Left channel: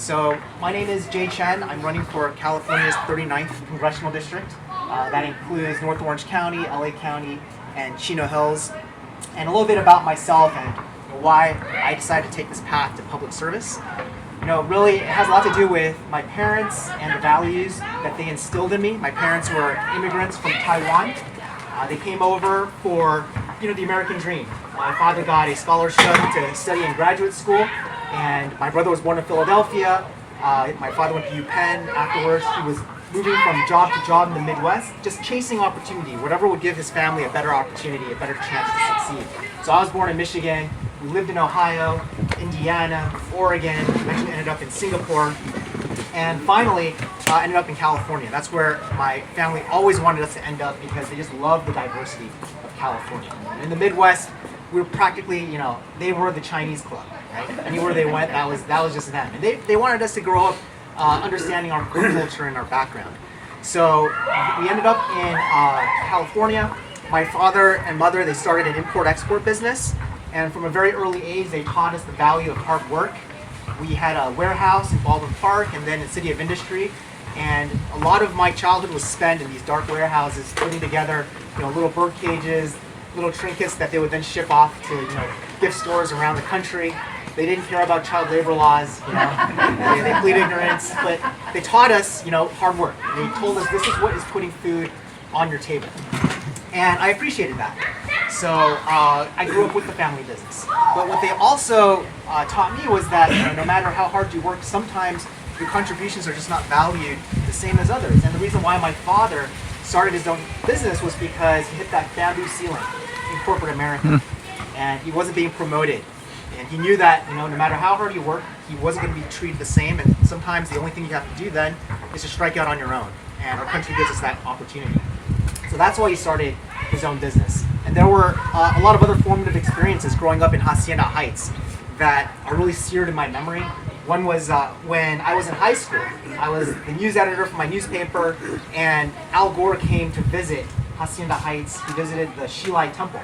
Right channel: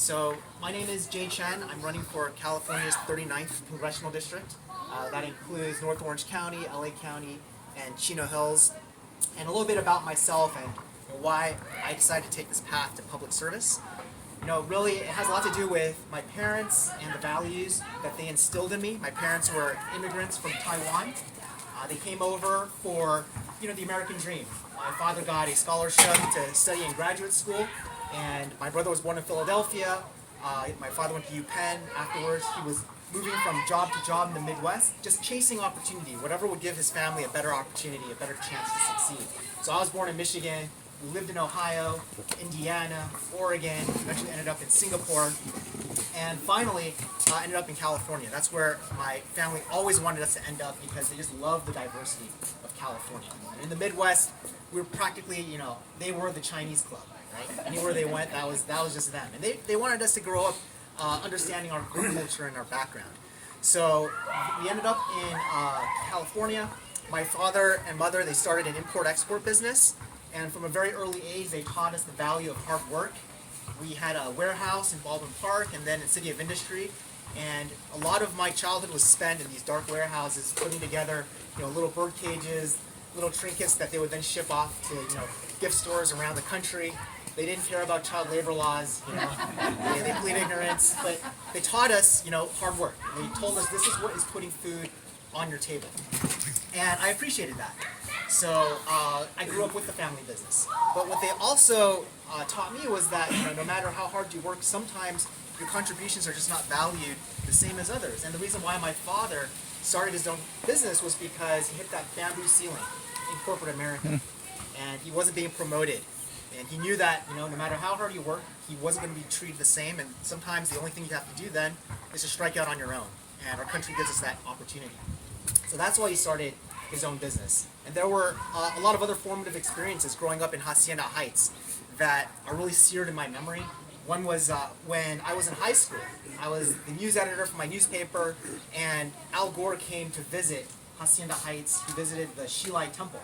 So my name is Jay Chen. I'm running for California's 39th Congressional District. That includes North Orange County, LA County, and Chino Hills. And a little bit about myself and why I decided to take this path to public service. Really, it has a lot to do with my parents and the values that they instilled in me. My parents were immigrants from Taiwan. They came over for, the American dream. My father got a scholarship to study in graduate school, and my brother was born in Philadelphia. My father went to UPenn. Afterwards, he was moving from job to job in the Midwest, just chasing opportunity, whatever would give his family a better opportunity, a better chance to succeed. So I was born in Michigan. We lived in Ohio, Indiana, Oregon. Eventually ended up in Singapore, and finally ended up in California. That's where my family always wanted us to end up because they just love the diversity of California. In the Midwest, we were practically, they were the Chinese club, right? Anywhere they went, that was just them. And they wanted us to grow up understanding our culture and our background. So we ended up in California. My father and mother, they started an import-export business. And from a very early age, they taught us the value of hard work. We had a warehouse in Baldwin Park and then in City of Industry. And a lot of my childhood was spent in these dark warehouses, putting together, little bird cages, little trinkets that they would then ship off to, gift stores around the country. They didn't care about child labor laws, they plead ignorance, but they taught us, hard work. They told us this is what is putting food on your table. And I appreciated that. So I grew up with the family business. But what they also taught me was that no matter how hard you work, sometimes your contributions are just not valued the same as others. And the reason why my father started his own business was because he hit that bamboo ceiling in corporate America. And he wasn't being promoted. And he knew that no matter how hard you work, he wasn't going to be treated the same. And sometimes the only thing you have to do then is to strike out on your own. And our country gives us that opportunity. So that's why he started his own business. And there were a lot of other formative experiences growing up in Hacienda Heights that are really seared in my memory. One was when I was in high school. I was the news editor for my newspaper, and Al Gore came to visit Hacienda Heights. He visited the Shilai Temple.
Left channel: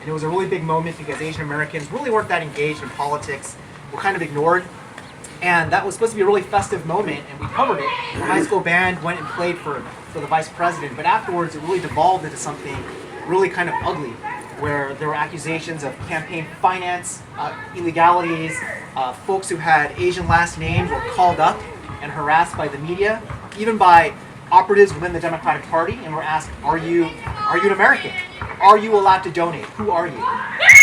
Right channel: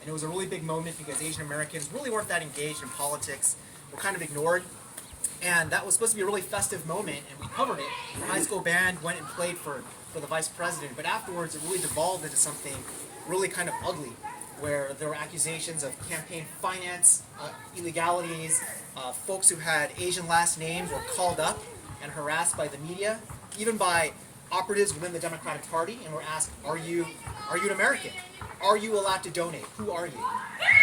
And it was a really big moment because Asian Americans really weren't that engaged in politics, were kind of ignored. And that was supposed to be a really festive moment, and we covered it. The high school band went and played for the vice president, but afterwards it really devolved into something really kind of ugly, where there were accusations of campaign finance, illegalities, folks who had Asian last names were called up and harassed by the media, even by operatives within the Democratic Party, and were asked, are you an American? Are you allowed to donate? Who are you?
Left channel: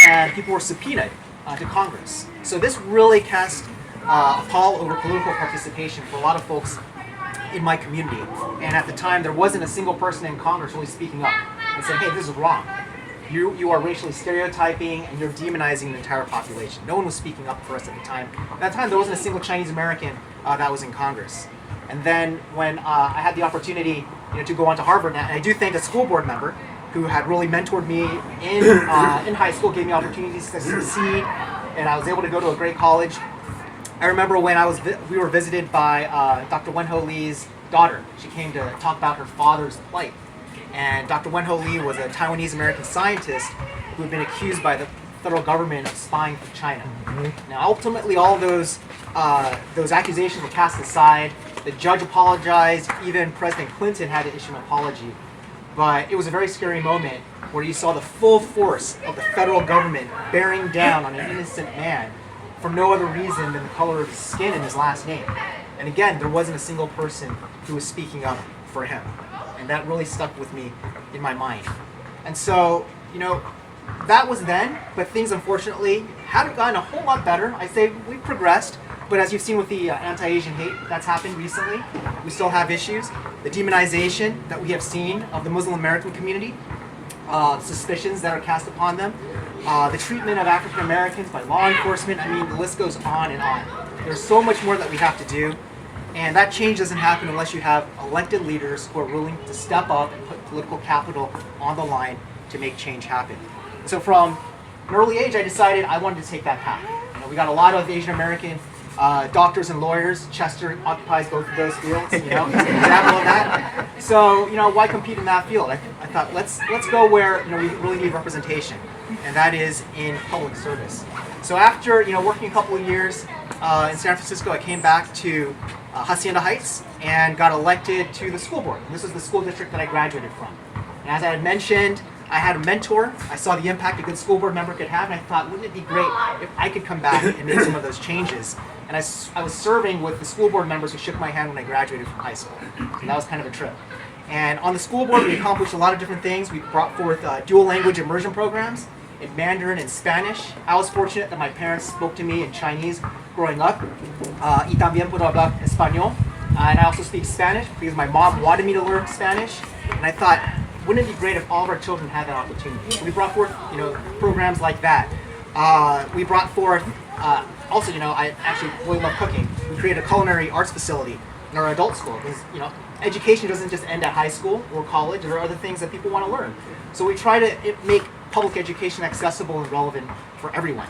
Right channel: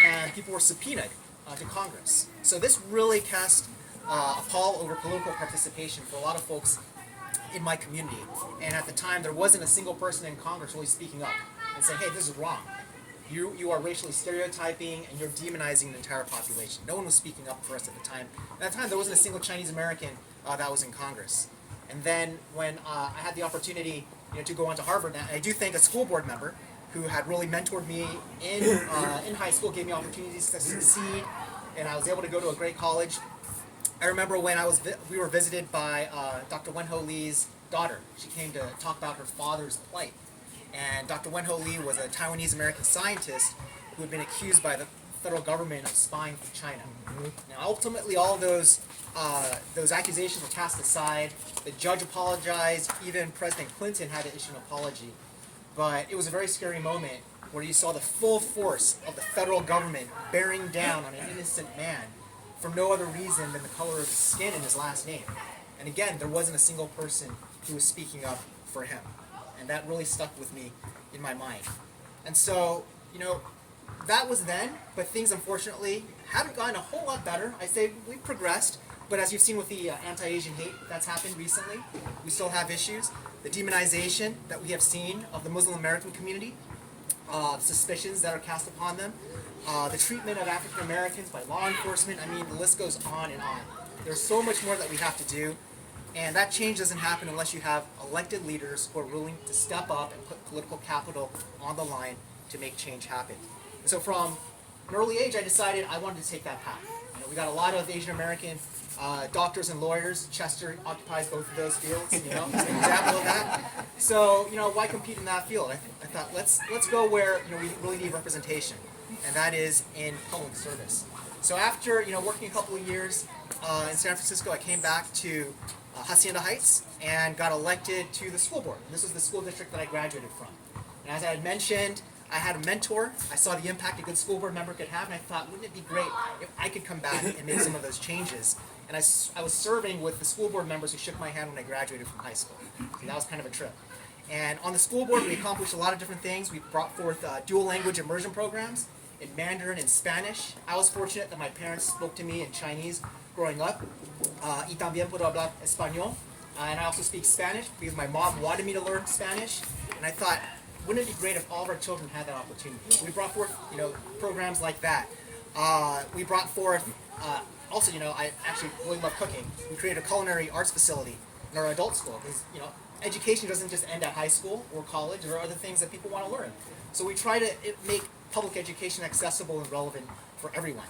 And people were subpoenaed to Congress. So this really cast a pall over political participation for a lot of folks in my community. And at the time, there wasn't a single person in Congress really speaking up and saying, hey, this is wrong. You are racially stereotyping and you're demonizing the entire population. No one was speaking up for us at the time. At that time, there wasn't a single Chinese American that was in Congress. And then when I had the opportunity to go on to Harvard, and I do thank a school board member who had really mentored me in high school, gave me opportunities to succeed, and I was able to go to a great college. I remember when we were visited by Dr. Wen-Ho Lee's daughter. She came to talk about her father's plight. And Dr. Wen-Ho Lee was a Taiwanese-American scientist who had been accused by the federal government of spying for China. Now, ultimately, all those accusations were cast aside. The judge apologized. Even President Clinton had to issue an apology. But it was a very scary moment where you saw the full force of the federal government bearing down on an innocent man for no other reason than the color of his skin and his last name. And again, there wasn't a single person who was speaking up for him. And that really stuck with me in my mind. And so, that was then, but things unfortunately haven't gotten a whole lot better. I say we've progressed, but as you've seen with the anti-Asian hate that's happened recently, we still have issues. The demonization that we have seen of the Muslim American community, suspicions that are cast upon them, the treatment of African Americans by law enforcement, the list goes on and on. There's so much more that we have to do, and that change doesn't happen unless you have elected leaders who are willing to step up and put political capital on the line to make change happen. So from an early age, I decided I wanted to take that path. We got a lot of Asian American doctors and lawyers. Chester occupies both of those fields, he's an example of that. So, why compete in that field? I thought, let's go where, we really need representation, and that is in public service. So after, working a couple of years in San Francisco, I came back to Hacienda Heights and got elected to the school board. And this was the school district that I graduated from. And as I had mentioned, I had a mentor. I saw the impact a good school board member could have, and I thought, wouldn't it be great if I could come back and make some of those changes? And I was serving with the school board members who shook my hand when I graduated from high school. So that was kind of a trip. And on the school board, we accomplished a lot of different things. We brought forth dual language immersion programs in Mandarin and Spanish. I was fortunate that my parents spoke to me in Chinese growing up. Y también puedo hablar español. And I also speak Spanish because my mom wanted me to learn Spanish. And I thought, wouldn't it be great if all of our children had that opportunity? So we brought forth, programs like that. We brought forth, also, I actually really love cooking. We created a culinary arts facility in our adult school because, education doesn't just end at high school or college. There are other things that people want to learn. So we try to make public education accessible and relevant for everyone.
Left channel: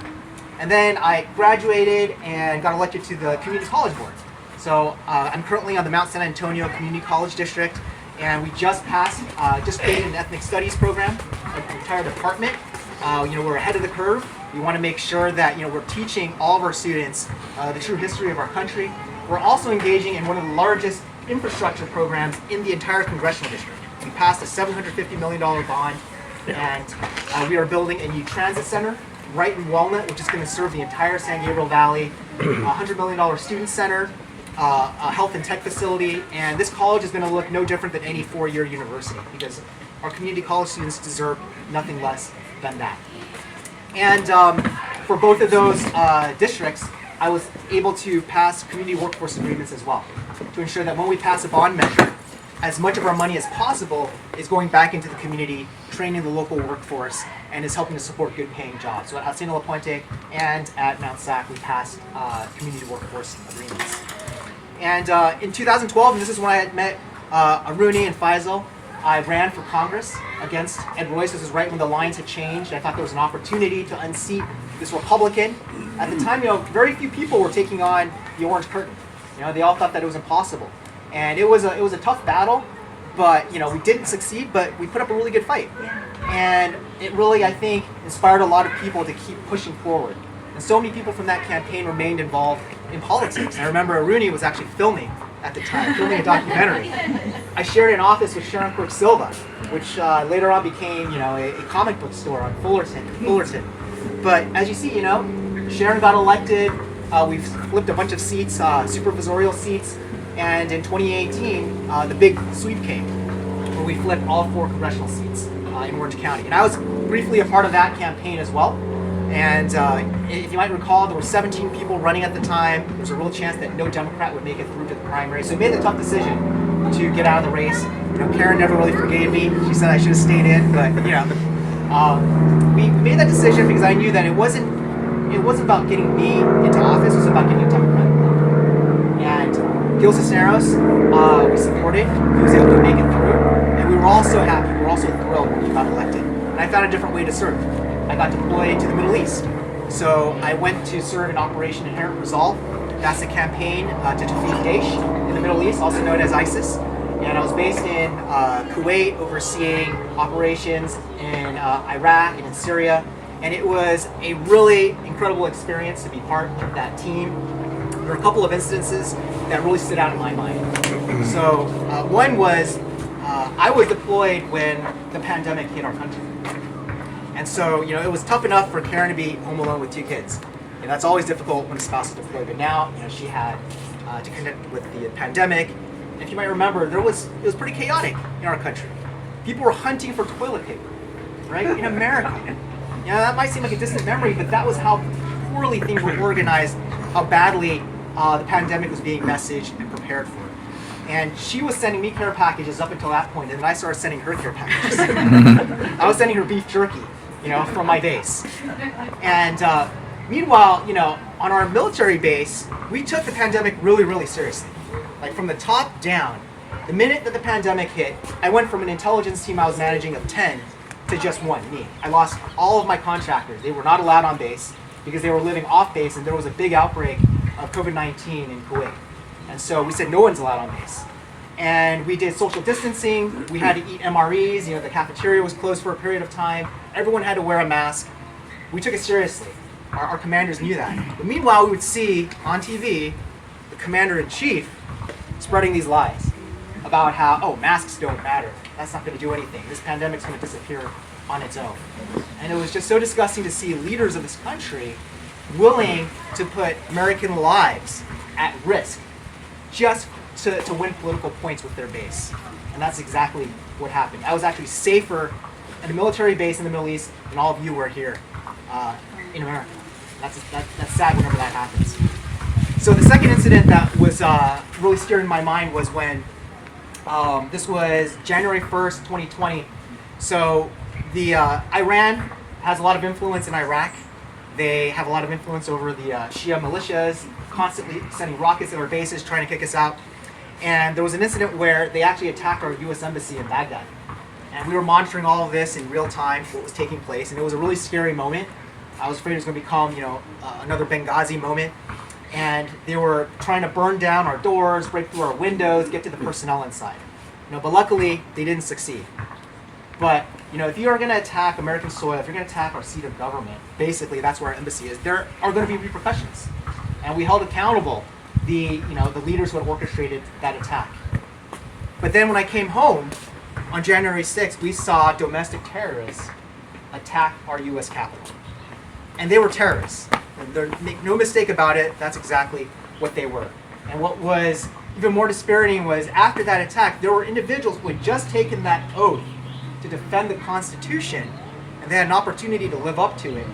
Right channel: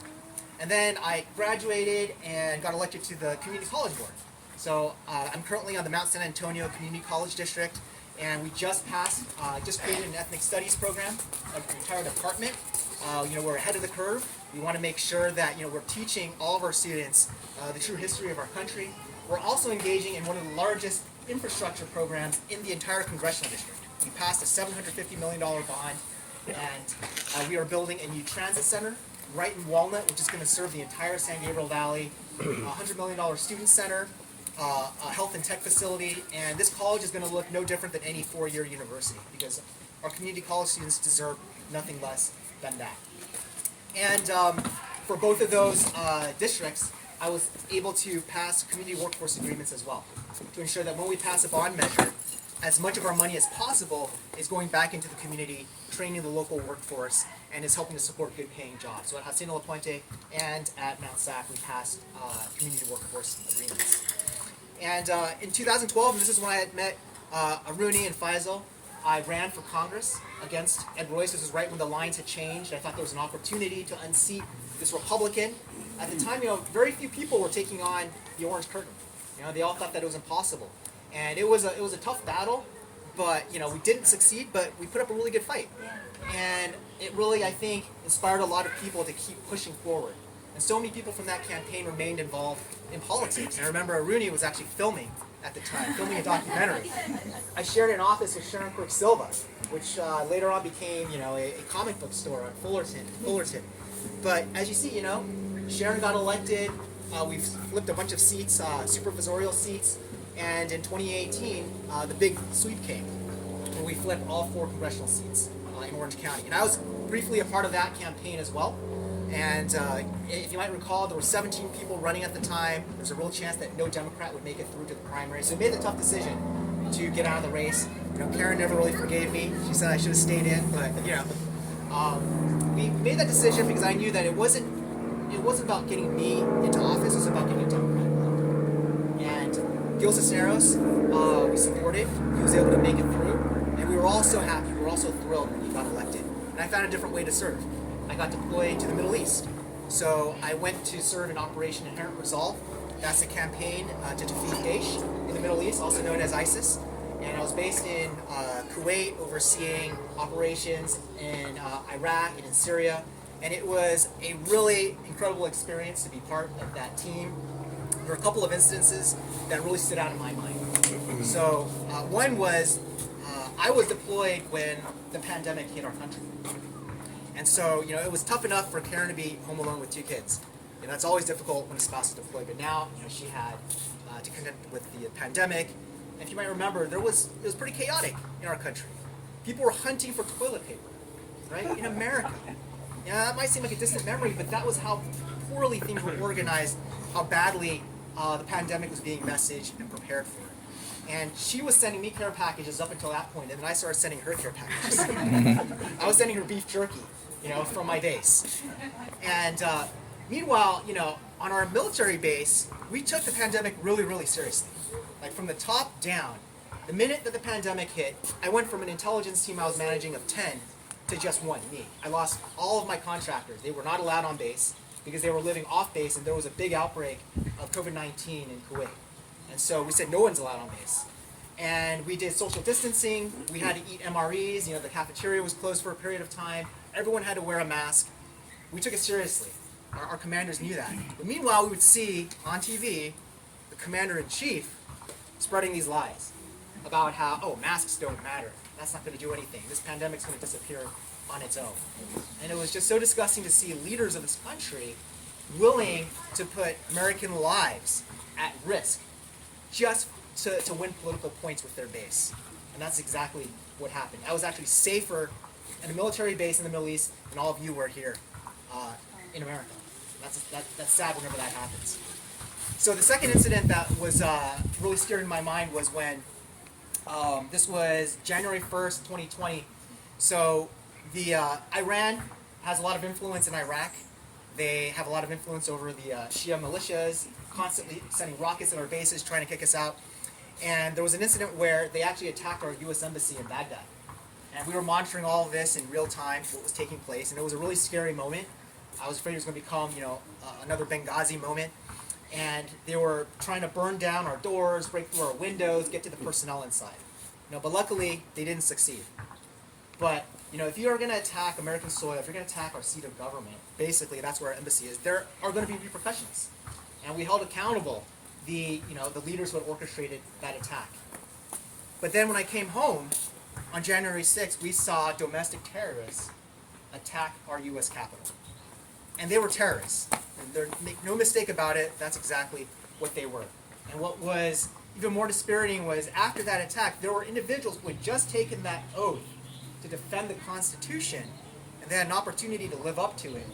And then I graduated and got elected to the Community College Board. So I'm currently on the Mount San Antonio Community College District, and we just created an ethnic studies program, an entire department. We're ahead of the curve. We want to make sure that we're teaching all of our students the true history of our country. We're also engaging in one of the largest infrastructure programs in the entire Congressional District. We passed a $750 million bond, and we are building a new transit center right in Walnut, which is going to serve the entire San Gabriel Valley, a $100 million student center, a health and tech facility, and this college is going to look no different than any four-year university because our community college students deserve nothing less than that. And for both of those districts, I was able to pass community workforce agreements as well to ensure that when we pass a bond measure, as much of our money as possible is going back into the community, training the local workforce, and is helping to support good paying jobs. So at Hacienda La Puente and at Mount Sac, we passed community workforce agreements. And in 2012, and this is when I had met Aruni and Faisal, I ran for Congress against Ed Royce. This was right when the lines had changed. I thought there was an opportunity to unseat this Republican. At the time, very few people were taking on the Orange Curtain. They all thought that it was impossible. And it was a tough battle, but we didn't succeed, but we put up a really good fight. And it really, I think, inspired a lot of people to keep pushing forward. And so many people from that campaign remained involved in politics. And I remember Aruni was actually filming at the time, filming a documentary. I shared an office with Sharon Quirk Silva, which later on became, a comic book store on Fullerton. But as you see, Sharon got elected. We flipped a bunch of seats, supervisorial seats, and in 2018, the big sweep came, where we flipped all 4 congressional seats in Orange County. And I was briefly a part of that campaign as well. And if you might recall, there were 17 people running at the time. There was a real chance that no Democrat would make it through to the primary. So we made the tough decision to get out of the race. Karen never really forgave me. She said I should have stayed in, but we made that decision because I knew that it wasn't about getting me into office. It was about getting a Democrat. And Gil Cisneros, we supported. He was able to make it through, and we were all so happy. We were also thrilled when he got elected. And I found a different way to serve. I got deployed to the Middle East. So I went to serve in Operation Inherent Resolve. That's a campaign to defeat Daesh in the Middle East, also known as ISIS. And I was based in Kuwait, overseeing operations in Iraq and in Syria. And it was a really incredible experience to be part of that team. There were a couple of instances that really stood out in my mind. So one was I was deployed when the pandemic hit our country. And so, it was tough enough for Karen to be home alone with 2 kids. And that's always difficult when a spouse is deployed. But now, she had to connect with the pandemic. And if you might remember, it was pretty chaotic in our country. People were hunting for toilet paper, right? In America. That might seem like a distant memory, but that was how poorly things were organized, how badly the pandemic was being messaged and prepared for. And she was sending me care packages up until that point, and then I started sending her care packages. I was sending her beef jerky, from my base. And meanwhile, on our military base, we took the pandemic really, really seriously. Like from the top down. The minute that the pandemic hit, I went from an intelligence team I was managing of 10 to just 1, me. I lost all of my contractors. They were not allowed on base because they were living off base, and there was a big outbreak of COVID-19 in Kuwait. And so we said no one's allowed on base. And we did social distancing. We had to eat MREs. The cafeteria was closed for a period of time. Everyone had to wear a mask. We took it seriously. Our commanders knew that. But meanwhile, we would see on TV the commander-in-chief spreading these lies about how, oh, masks don't matter. That's not going to do anything. This pandemic's going to disappear on its own. And it was just so disgusting to see leaders of this country willing to put American lives at risk just to win political points with their base. And that's exactly what happened. I was actually safer in a military base in the Middle East than all of you were here in America. That's sad whenever that happens. So the second incident that was really steering my mind was when this was January 1st, 2020. So the Iran has a lot of influence in Iraq. They have a lot of influence over the Shia militias, constantly sending rockets at our bases, trying to kick us out. And there was an incident where they actually attacked our U.S. Embassy in Baghdad. And we were monitoring all of this in real time, what was taking place, and it was a really scary moment. I was afraid it was going to become, another Benghazi moment. And they were trying to burn down our doors, break through our windows, get to the personnel inside. But luckily, they didn't succeed. But if you are going to attack American soil, if you're going to attack our seat of government, basically that's where our embassy is. There are going to be repercussions, and we held accountable the leaders who had orchestrated that attack. But then when I came home on January 6th, we saw domestic terrorists attack our U.S. Capitol, and they were terrorists. And make no mistake about it, that's exactly what they were. And what was even more dispiriting was after that attack, there were individuals who had just taken that oath to defend the Constitution, and they had an opportunity to live up to it,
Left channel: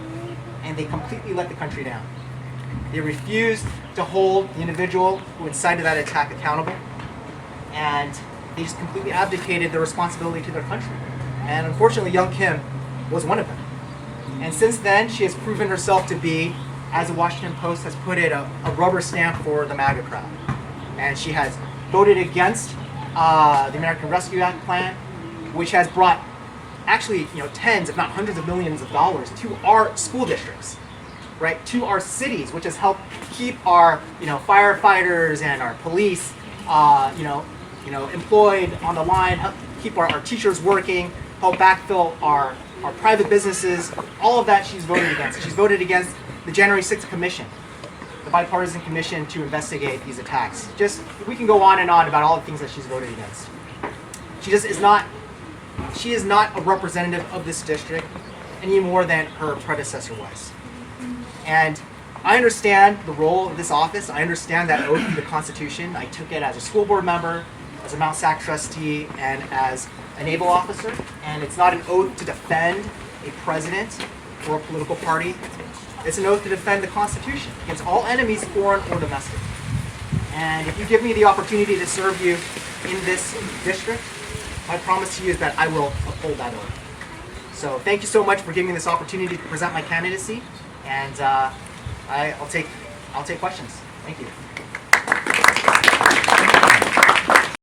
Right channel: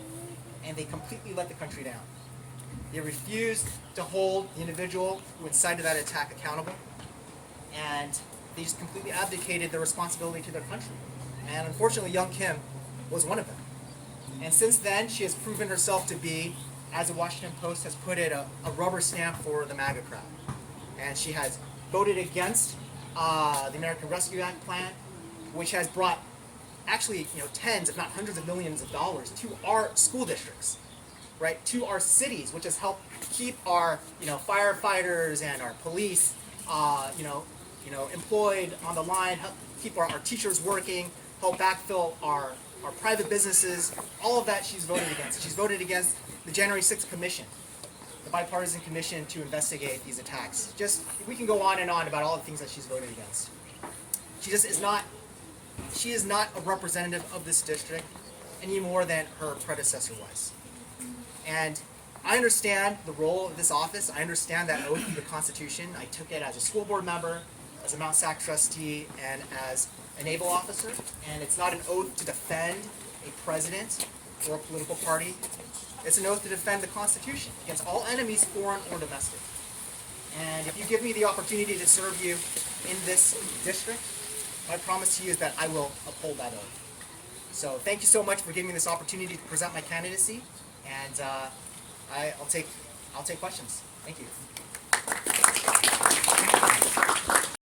and they completely let the country down. They refused to hold the individual who incited that attack accountable, and they just completely abdicated their responsibility to their country. And unfortunately, young Kim was one of them. And since then, she has proven herself to be, as the Washington Post has put it, a rubber stamp for the MAGA crowd. And she has voted against the American Rescue Act plan, which has brought actually tens, if not hundreds of millions of dollars to our school districts, right? To our cities, which has helped keep our firefighters and our police employed on the line, help keep our teachers working, help backfill our private businesses. All of that she's voted against. She's voted against the January 6th Commission, the bipartisan commission to investigate these attacks. We can go on and on about all the things that she's voted against. She is not a representative of this district any more than her predecessor was. And I understand the role of this office. I understand that oath to the Constitution. I took it as a school board member, as a Mount Sac trustee, and as a naval officer. And it's not an oath to defend a president or a political party. It's an oath to defend the Constitution against all enemies, foreign or domestic. And if you give me the opportunity to serve you in this district, my promise to you is that I will uphold that oath. So thank you so much for giving me this opportunity to present my candidacy, and I'll take questions. Thank you.